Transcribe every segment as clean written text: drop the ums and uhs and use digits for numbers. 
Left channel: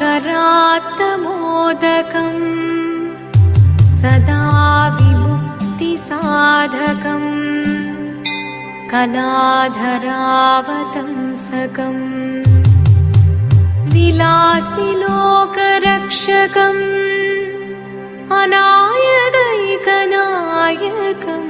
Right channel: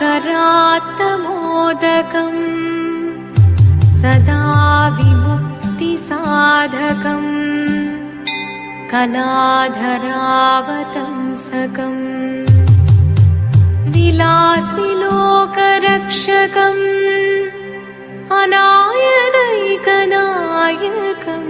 करात्तमोदकम् सदा विमुक्तिसाधकम् कलाधरावतंसकम् विलासिलोकरक्षकम् अनायकैकनायकम्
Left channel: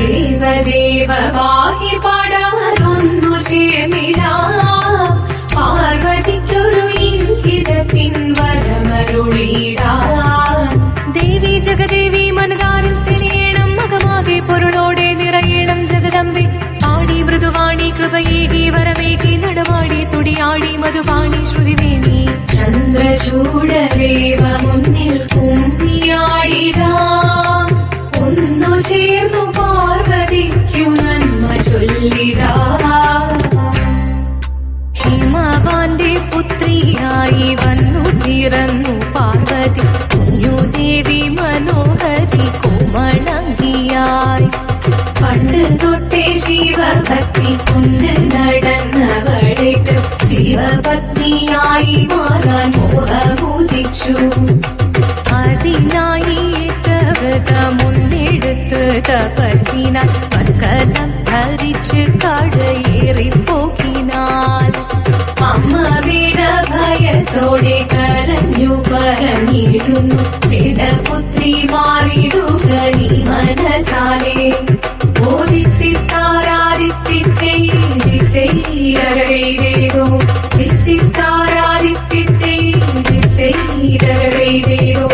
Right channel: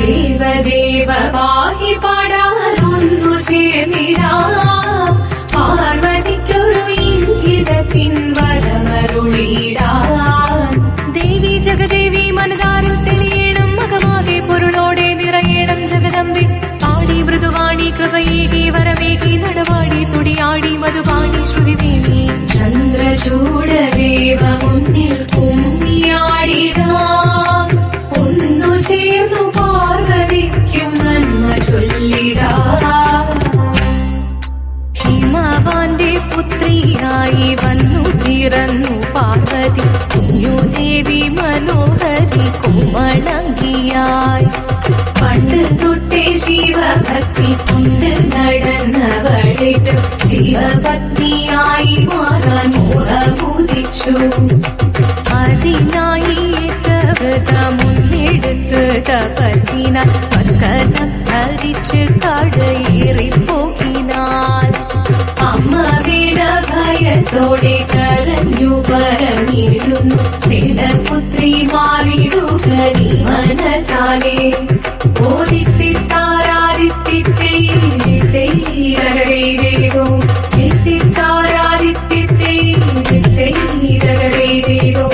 ദേവദേവ പാഹി പാടാനൊന്നു ചേർന്നിടാം പാർവതിക്കൊരു ഇംഗിതത്തിൻ വരമരുളിടാൻ ദേവി ജഗദേവി മനതാരിൽ തെളിയണം മകമാകെ പൊരുളോടെ നിറയണം ജഗദമ്പെ പാടി മൃദുവാണി കൃപയേകി വരമേകി നടവാടി തുടിയാടി മധുപാണി ശ്രുതിവേണി ചന്ദ്രചൂഡദേവ മുന്നിൽ കുമ്മിയാടിടാം ഒന്നു ചേർന്നു പാർവതിക്കു നന്മ ചൊല്ലിടാം ഹിമവാന്റെ പുത്രിയായി വന്നു പിറന്നു പാർവതി കുഞ്ഞുദേവി മനോഹരി കോമളങ്കിയായി പണ്ട് തൊട്ടേ ശിവഭക്തി കൊണ്ട് നടന്നവളേറ്റ് ശിവപത്നിയായി മാറാൻ മോഹമുദിച്ചു അതിനായി വ്രതമൊന്നെടുത്ത് തപസിനാൽ മക്കലം ധരിച്ച് കടയേറിപ്പോകിനാൽ അമ്മ ഭയത്തോടെ കരഞ്ഞു പറഞ്ഞിരുന്നു വേദപുത്രി മാറിടുക നീ മനസാലെ ഓദിത്തിത്താരാദിത്തിത്തേരോ തിത്തിത്താരാദിത്തിത്തേരോ